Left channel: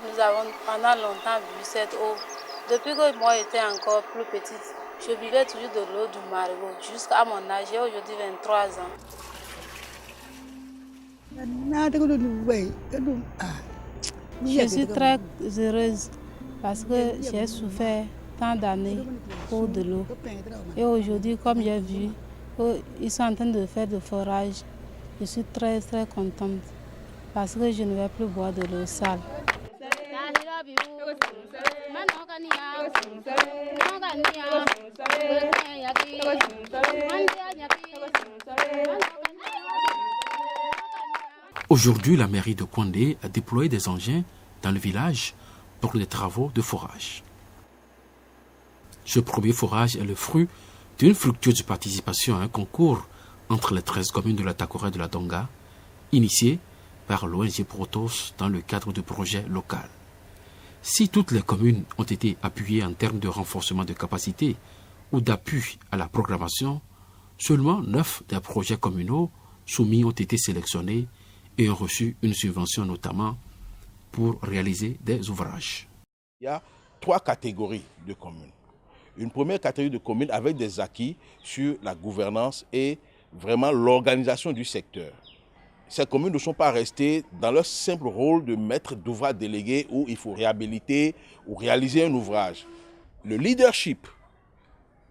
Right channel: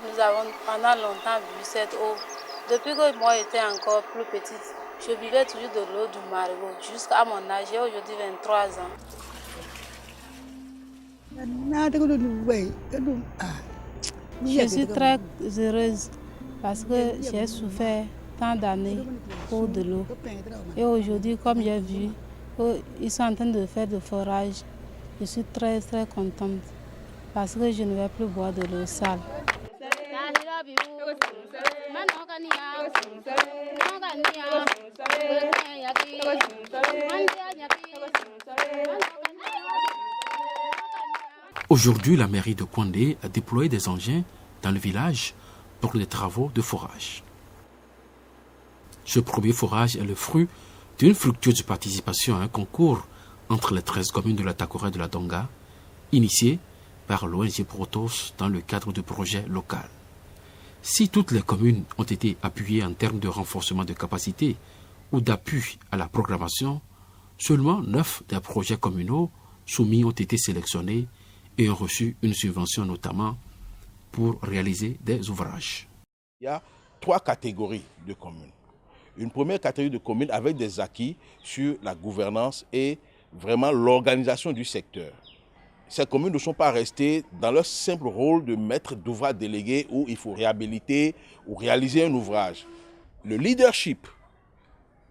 Nous avons pendant longtemps bu cette eau. Depuis que moi j'étais encore plus petite, je buvais toujours de l'eau du marigot jusqu'à mon âge. J'ai aujourd'hui 23 ans. Je suis très heureuse parce que j'ai souffert tant d'années pour de l'eau. Et aujourd'hui, comme j'ai vu qu'ils sont en train de faire du forage, je suis très très contente parce que je ne vais plus boire de l'eau sale. Il y a 3 catégories de communes. Une première catégorie de communes avec des acquis sur la gouvernance et vraiment l'organisation du secteur. Ces communes ne sont pas restées dans leur simple rôle de maître d'ouvrage délégué où il faut réhabiliter ou réaliser un ouvrage. Le leadership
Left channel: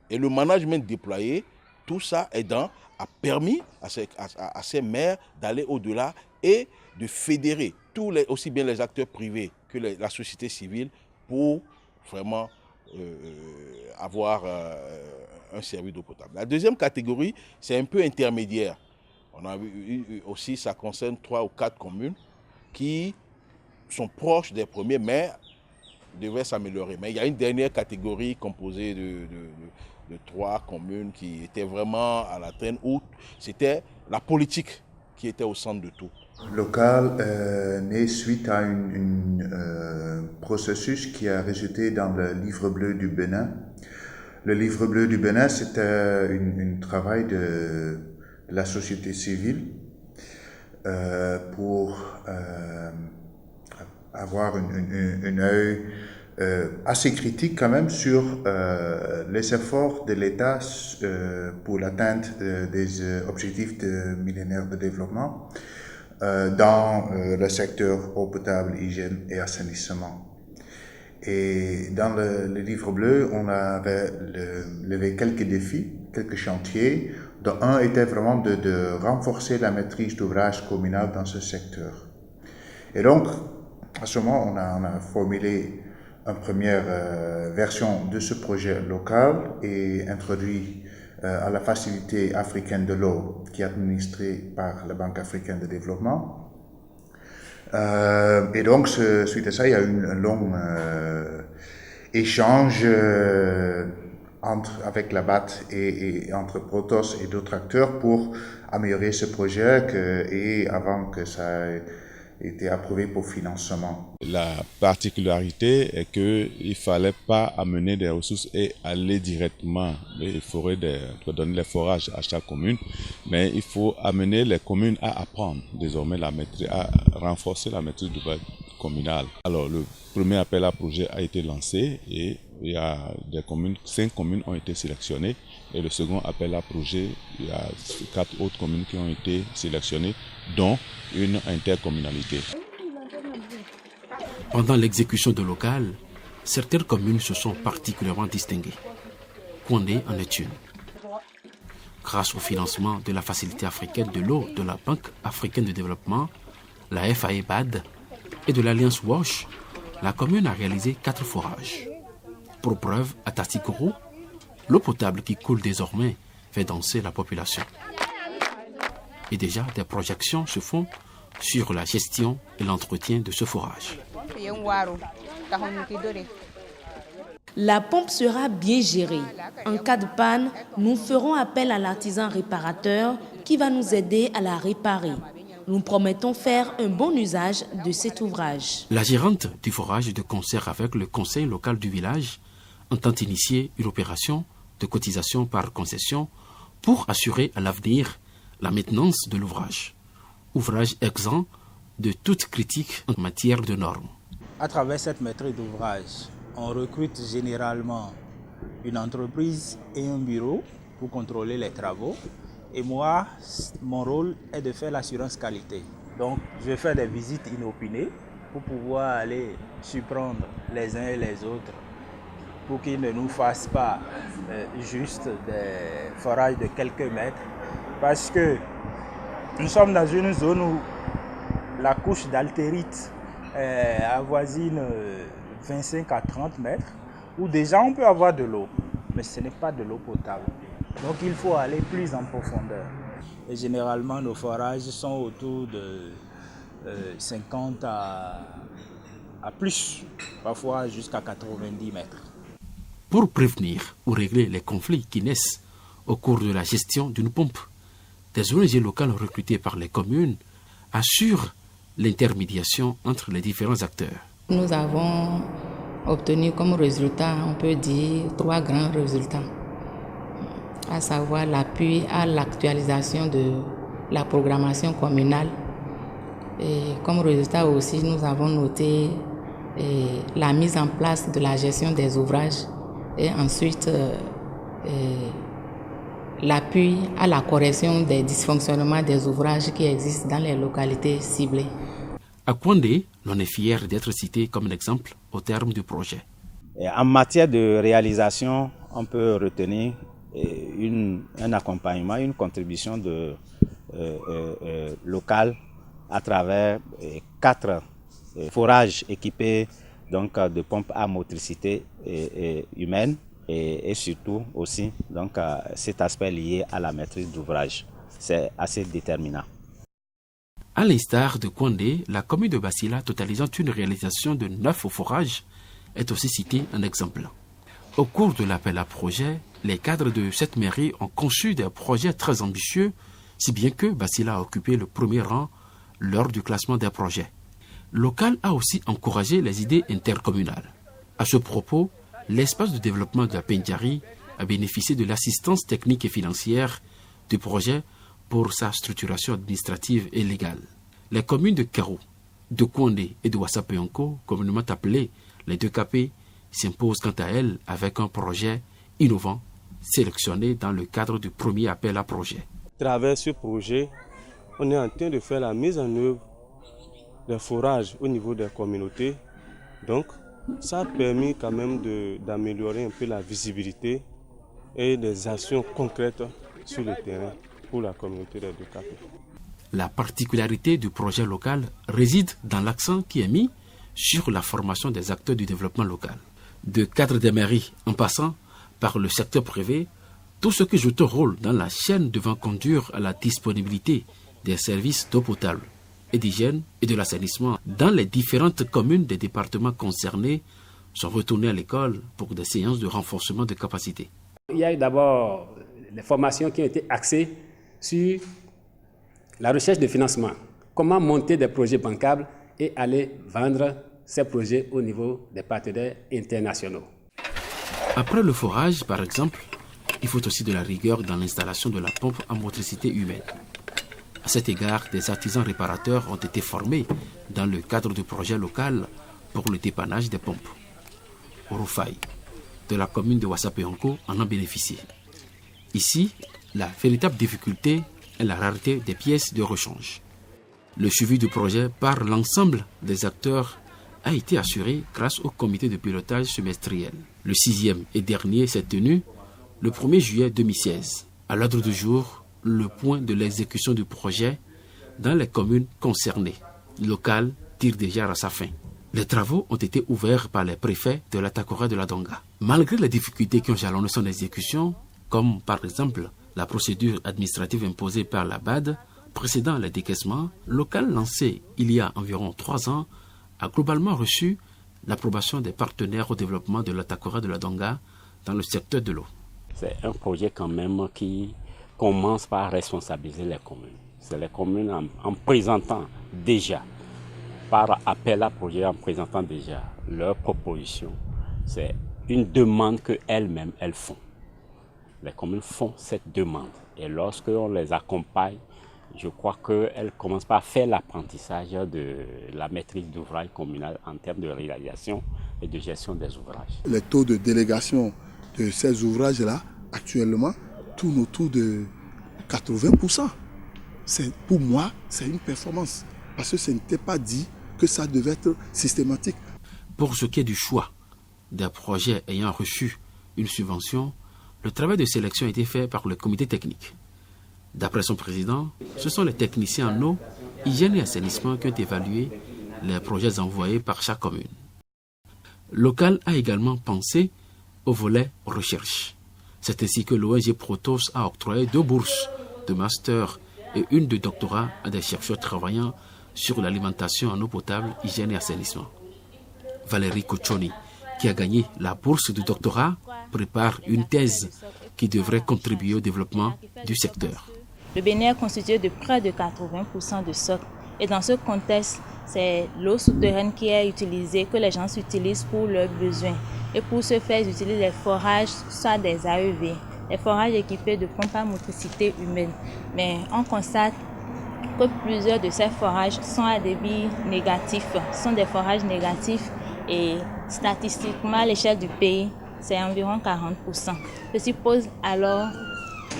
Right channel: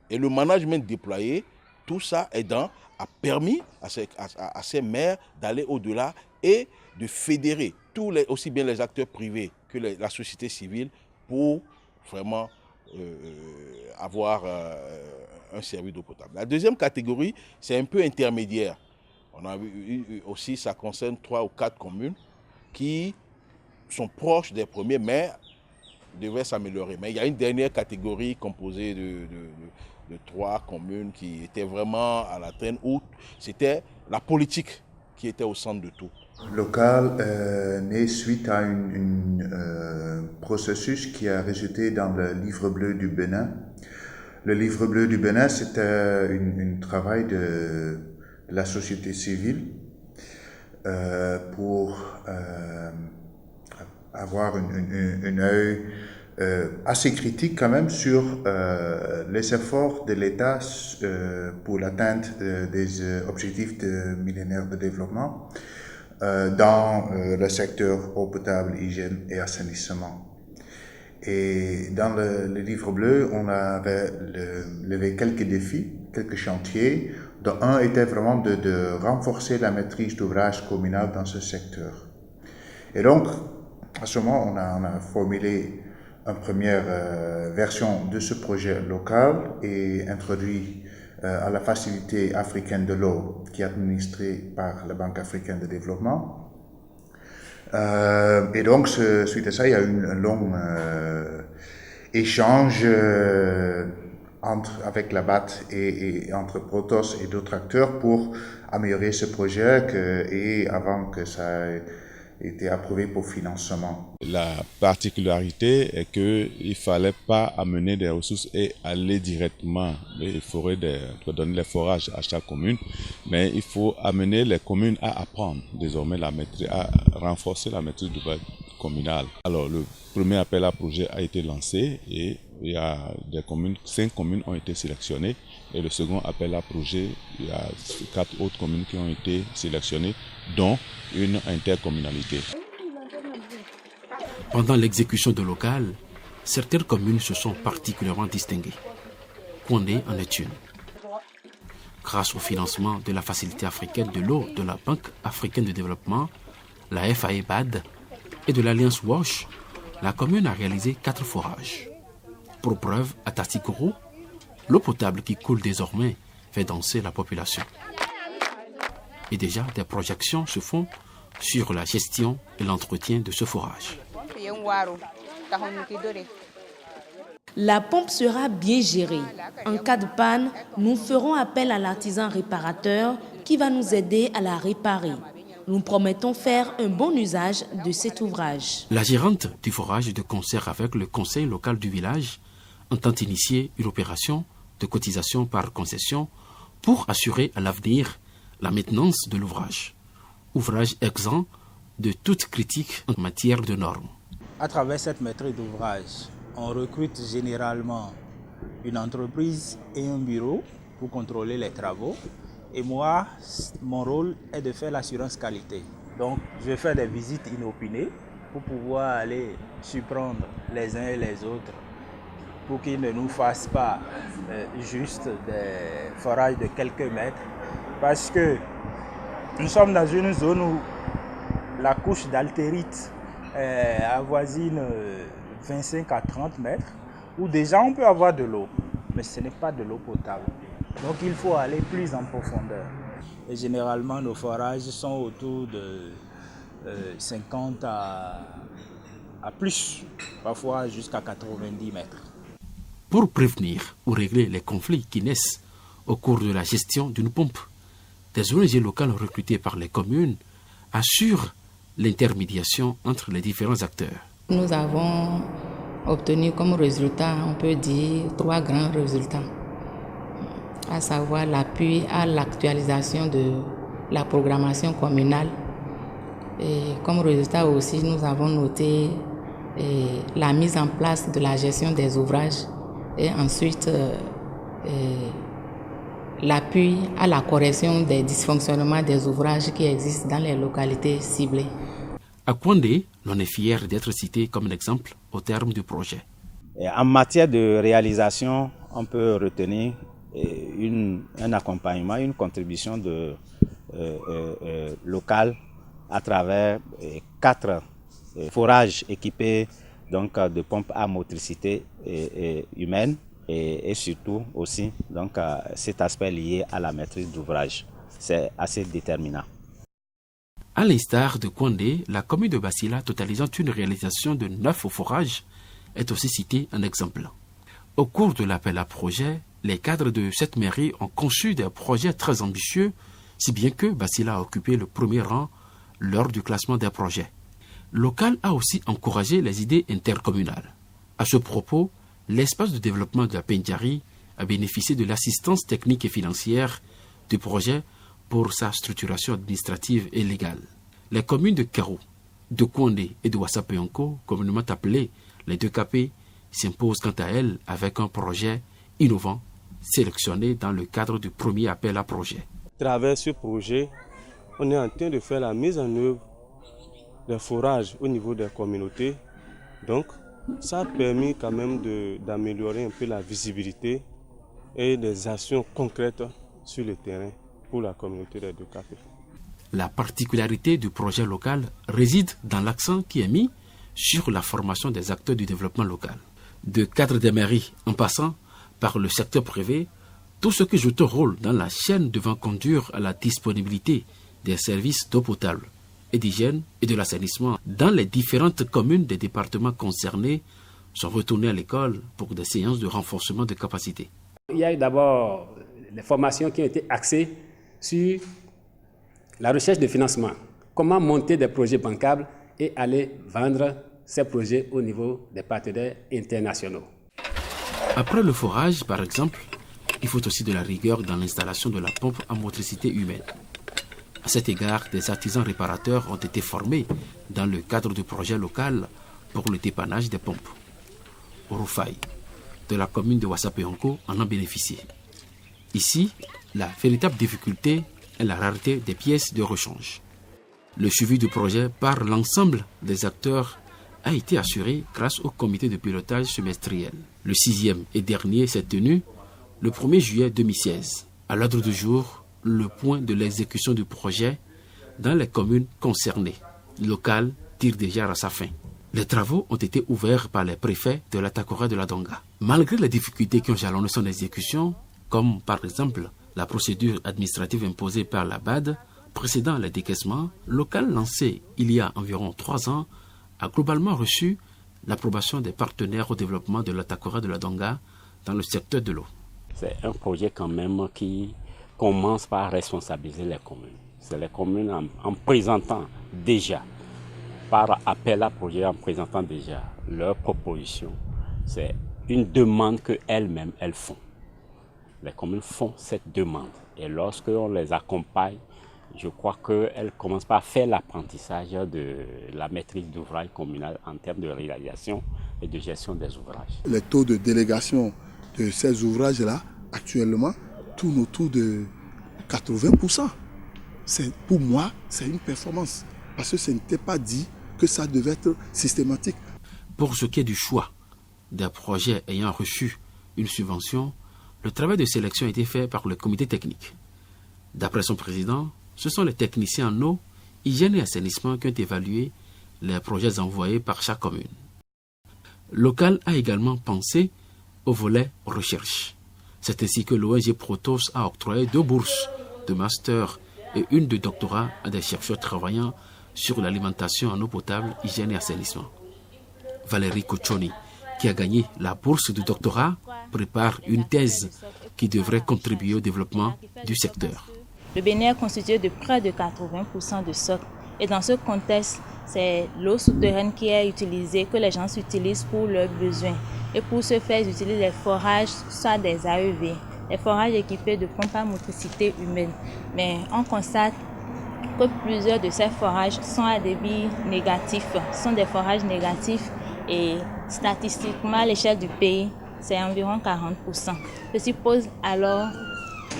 et le management déployé, tout ça a permis à ces maires d'aller au-delà et de fédérer aussi bien les acteurs privés que la société civile pour vraiment avoir un service d'eau potable. La deuxième catégorie, c'est un peu intermédiaire. On a vu aussi, ça concerne 3 ou 4 communes qui sont proches des premiers, mais devraient s'améliorer. Mais il y a une dernière catégorie composée de 3 communes qui étaient vraiment à la traîne, où c'était la politique qui était au centre de tout. Local né suite à un processus qui a résulté dans le livre bleu du Bénin. Le livre bleu du Bénin, c'était un travail de la société civile pour avoir un œil assez critique quand même sur les efforts de l'État pour l'atteinte des objectifs de millénaire de développement dans le secteur eau potable, hygiène et assainissement. Et dans le livre bleu, on avait levé quelques défis, quelques chantiers, dont un était vraiment de renforcer la maîtrise d'ouvrage communal dans ce secteur. Et donc, à ce moment, on a formulé une première version de ce projet local et introduit à la Facilité africaine de l'eau, qui est administrée par la Banque africaine de développement. Et donc, suite à ça, il y a eu un long échange avec la BAT et entre Protos et d'autres acteurs pour améliorer ce projet et avant que ça ait été approuvé pour financement. La particularité est qu'il ne fallait pas amener des ressources et aller directement donner les forages à chaque commune, mais il faut amener les communes à apprendre désormais à renforcer la maîtrise d'ouvrage communale. Alors le premier appel à projet a été lancé et il y a 5 communes ont été sélectionnées et le second appel à projet, il y a 4 autres communes qui ont été sélectionnées, dont une intercommunalité. La pompe sera bien gérée. En cas de panne, nous ferons appel à l'artisan réparateur qui va nous aider à la réparer. Nous promettons faire un bon usage de cet ouvrage. À travers cette maîtrise d'ouvrage, on recrute généralement une entreprise et un bureau pour contrôler les travaux. Et moi, mon rôle est de faire l'assurance qualité. Donc, je vais faire des visites inopinées pour pouvoir aller surprendre les uns et les autres pour qu'ils ne nous fassent pas juste des forages de quelques mètres. Parce que nous sommes dans une zone où la couche d'altérite avoisine 25 à 30 mètres, où déjà on peut avoir de l'eau, mais ce n'est pas de l'eau potable. Donc il faut aller plus en profondeur. Et généralement nos forages sont autour de 50 à plus, parfois jusqu'à 90 mètres. Nous avons obtenu comme résultat, on peut dire, 3 grands résultats, à savoir l'appui à l'actualisation de la programmation communale. Et comme résultat aussi, nous avons noté la mise en place de la gestion des ouvrages et ensuite l'appui à la correction des dysfonctionnements des ouvrages qui existent dans les localités ciblées. En matière de réalisation, on peut retenir un accompagnement, une contribution locale à travers 4 forages équipés donc, de pompes à motricité humaine et surtout aussi donc, cet aspect lié à la maîtrise d'ouvrage. C'est assez déterminant. À travers ce projet, on est en train de faire la mise en œuvre des forages au niveau des communautés. Donc, ça a permis quand même d'améliorer un peu la visibilité et des actions concrètes sur le terrain pour la communauté des Deux-Caps. Il y a eu d'abord des formations qui ont été axées sur la recherche de financement. Comment monter des projets bancables et aller vendre ces projets au niveau des partenaires internationaux. Pour sa thèse de doctorat dans notre département. L'activité réalisée à chaque communauté bénéficiaire des projets communautaires. Nous avons donc une raison de nous réjouir aujourd'hui de l'augmentation de la desserte en eau potable dans nos départements. Mais une sagesse populaire de chez nous. C'est un projet quand même qui commence par responsabiliser les communes. C'est les communes en présentant déjà, par appel à projet, en présentant déjà leurs propositions. C'est une demande qu'elles-mêmes, elles font. Les communes font cette demande. Et lorsqu'on les accompagne je crois qu'elle commence par faire l'apprentissage de la maîtrise d'ouvrage communale en termes de réalisation et de gestion des ouvrages. Les taux de délégation de ces ouvrages-là, actuellement, tournent autour de 80%. Pour moi, c'est une performance. Parce que ce n'était pas dit que ça devait être systématique. Au niveau de la peau rouge, on a en même temps une réponse. Il pleut, on a de réponse. Alors qu'au niveau de la peau rouge, il pleut et c'est après un moment. Alors pourquoi les aquifères de soc et pourquoi la recherche? Les aquifères de soc parce que le Bénin est constitué de près de 80% de soc. Et dans ce contexte, c'est l'eau souterraine qui est utilisée, que les gens utilisent pour leurs besoins. Et pour ce faire, ils utilisent les forages, soit des AEV, les forages équipés de pompes à motricité humaine. Mais on constate que plusieurs de ces forages sont à débit négatif, sont des forages négatifs et statistiquement à l'échelle du pays, c'est environ 40%. Ceci pose alors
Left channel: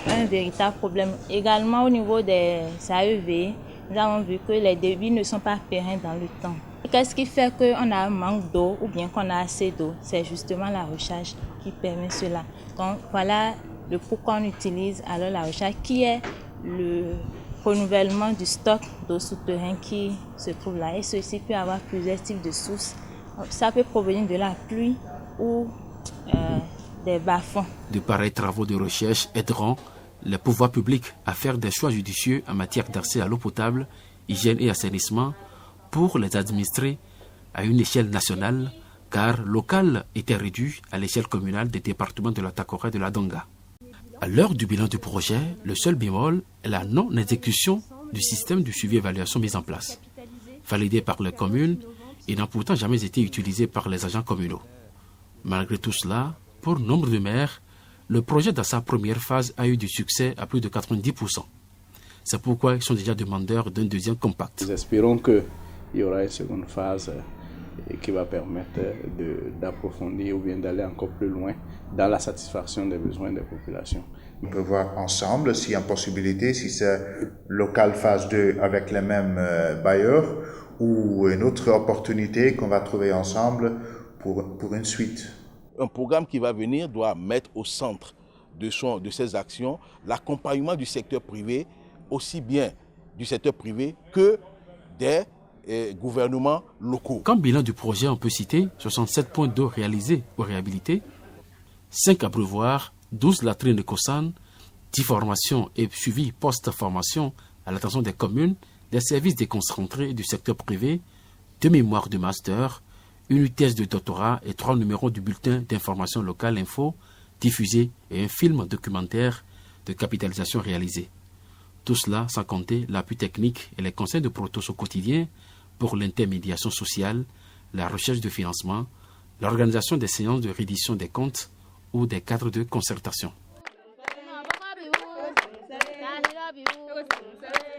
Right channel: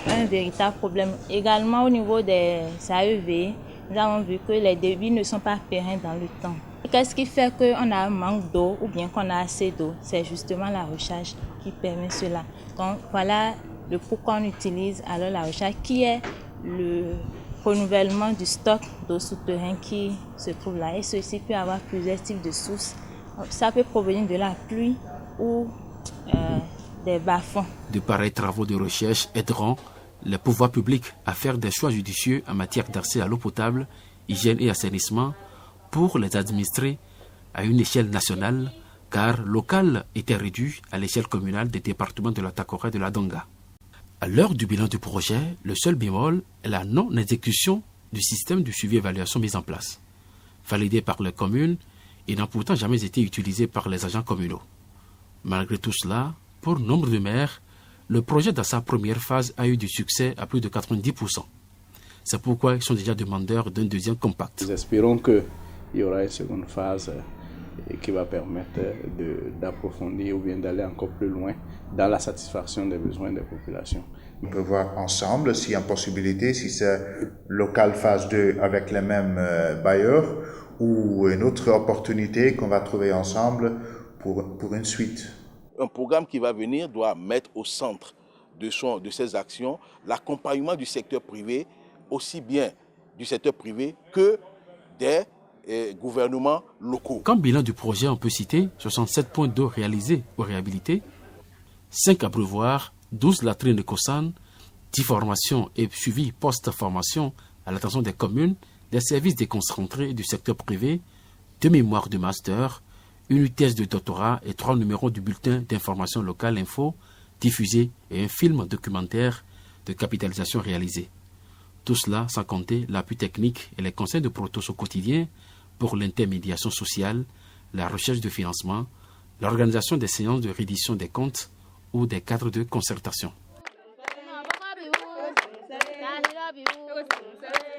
un véritable problème. Également au niveau des AEV, nous avons vu que les débits ne sont pas pérennes dans le temps. Qu'est-ce qui fait qu'on a un manque d'eau ou bien qu'on a assez d'eau? C'est justement la recharge qui permet cela. Donc voilà le pourquoi on utilise alors la recharge qui est le renouvellement du stock d'eau souterraine qui se trouve là. Et ceci peut avoir plusieurs types de sources. Ça peut provenir de la pluie ou des bas-fonds. Bilan aussi de notre travail ensemble et aussi de tenter de commencer à capitaliser cette expérience innovante. Nous espérons qu'il y aura une seconde phase qui va permettre d'approfondir ou bien d'aller encore plus loin dans la satisfaction des besoins des populations. On peut voir ensemble s'il y a une possibilité, si c'est local phase 2 avec les mêmes bailleurs ou une autre opportunité qu'on va trouver ensemble pour une suite. Un programme qui va venir doit mettre au centre de ses actions l'accompagnement du secteur privé, aussi bien du secteur privé que des gouvernements locaux.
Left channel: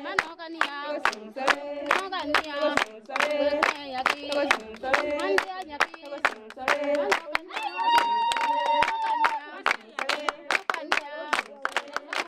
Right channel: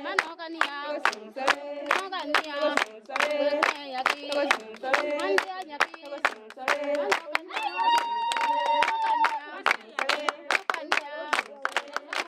Mana